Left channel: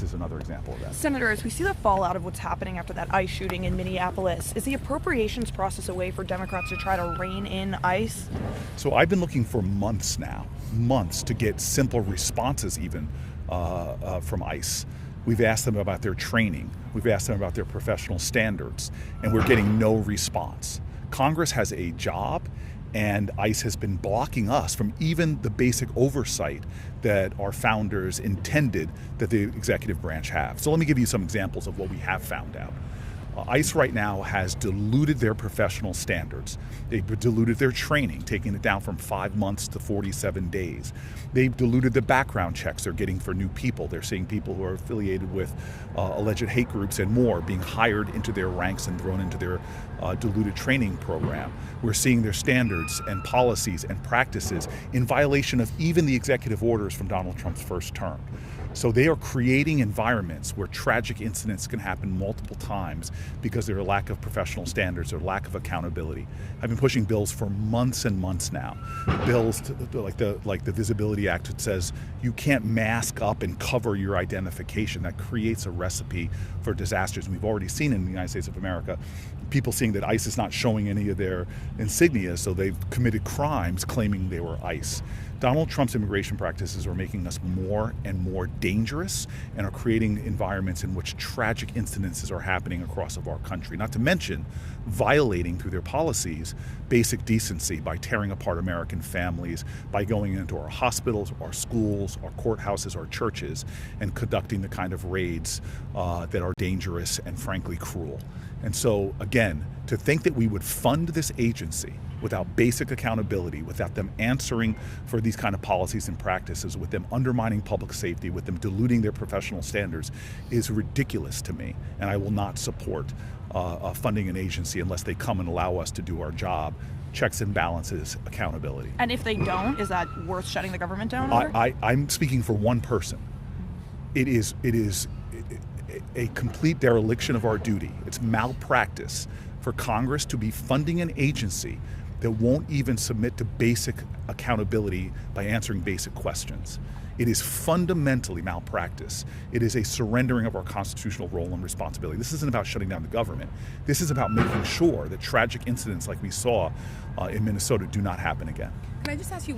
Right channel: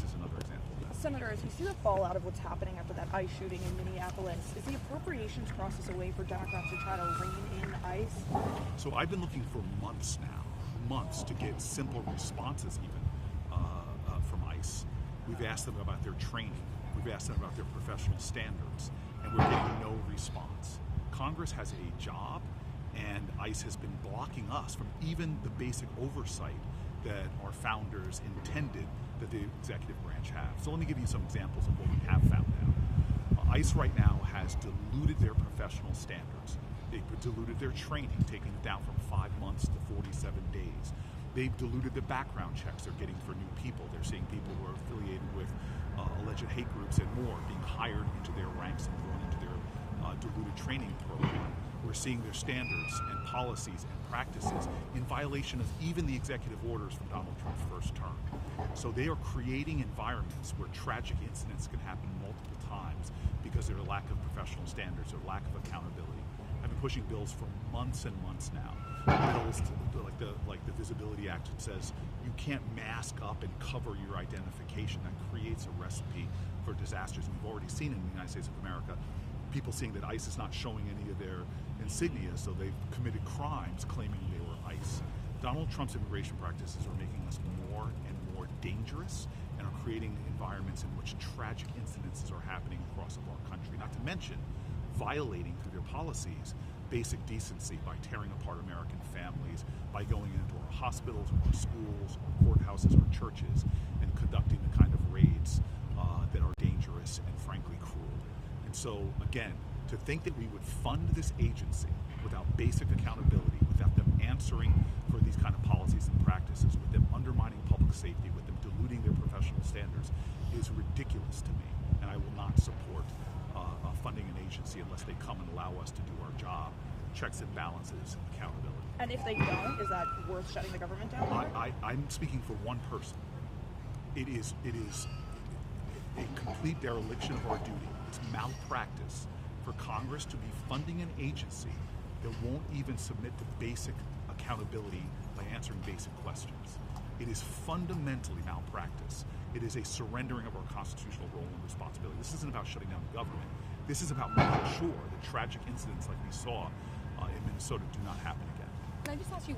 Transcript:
ICE is another example of that. Senator, as we see the fallout of what's happening after that ICE shooting in Minneapolis, is the appropriations process a way for Democrats to try to rein in ICE? So I've been looking for months now, to get simple responses even from ICE. We've asked them about their training. We've asked them about their professional standards, and we're getting no response. Congress has a job, and ICE has been blocking us from even the basic oversight that our founders intended that the executive branch have. So let me give you some examples of what we have found out. ICE right now has diluted their professional standards. They've diluted their training, taking it down from 5 months to 47 days. They've diluted the background checks they're getting for new people. They're seeing people who are affiliated with alleged hate groups and more being hired into their ranks and thrown into their diluted training program. We're seeing their standards and policies and practices in violation of even the executive orders from Donald Trump's first term. So they are creating environments where tragic incidents can happen multiple times because of their lack of professional standards or lack of accountability. I've been pushing bills for months and months now. Bills like the Visibility Act, that says you can't mask up and cover your identification. That creates a recipe for disasters. And we've already seen in the United States of America people seeing that ICE is not showing any of their insignia, so they've committed crimes claiming they were ICE. Donald Trump's immigration practices are making us more and more dangerous and are creating environments in which tragic incidences are happening across our country, not to mention violating through their policies basic decency by tearing apart American families, by going into our hospitals, our schools, our courthouses, our churches, and conducting the kind of raids that are dangerous and frankly cruel. And so, again, to think that we would fund this agency without basic accountability, without them answering for these kind of policies and practices, with them undermining public safety, with them diluting their professional standards, is ridiculous to me. And I will not support funding an agency unless they come and allow us to do our job. Checks and balances, accountability. And if they don't, is that worth shutting the government down? I'm speaking for one person. It is a complete dereliction of our duty. It's malpractice for Congress to be funding an agency that won't even submit to basic accountability by answering basic questions. It is fundamentally malpractice. It is a surrendering of our constitutional role and responsibility. This isn't about shutting down the government. This is about making sure that tragic incidents like we saw in Minnesota do not happen again. Can I just ask you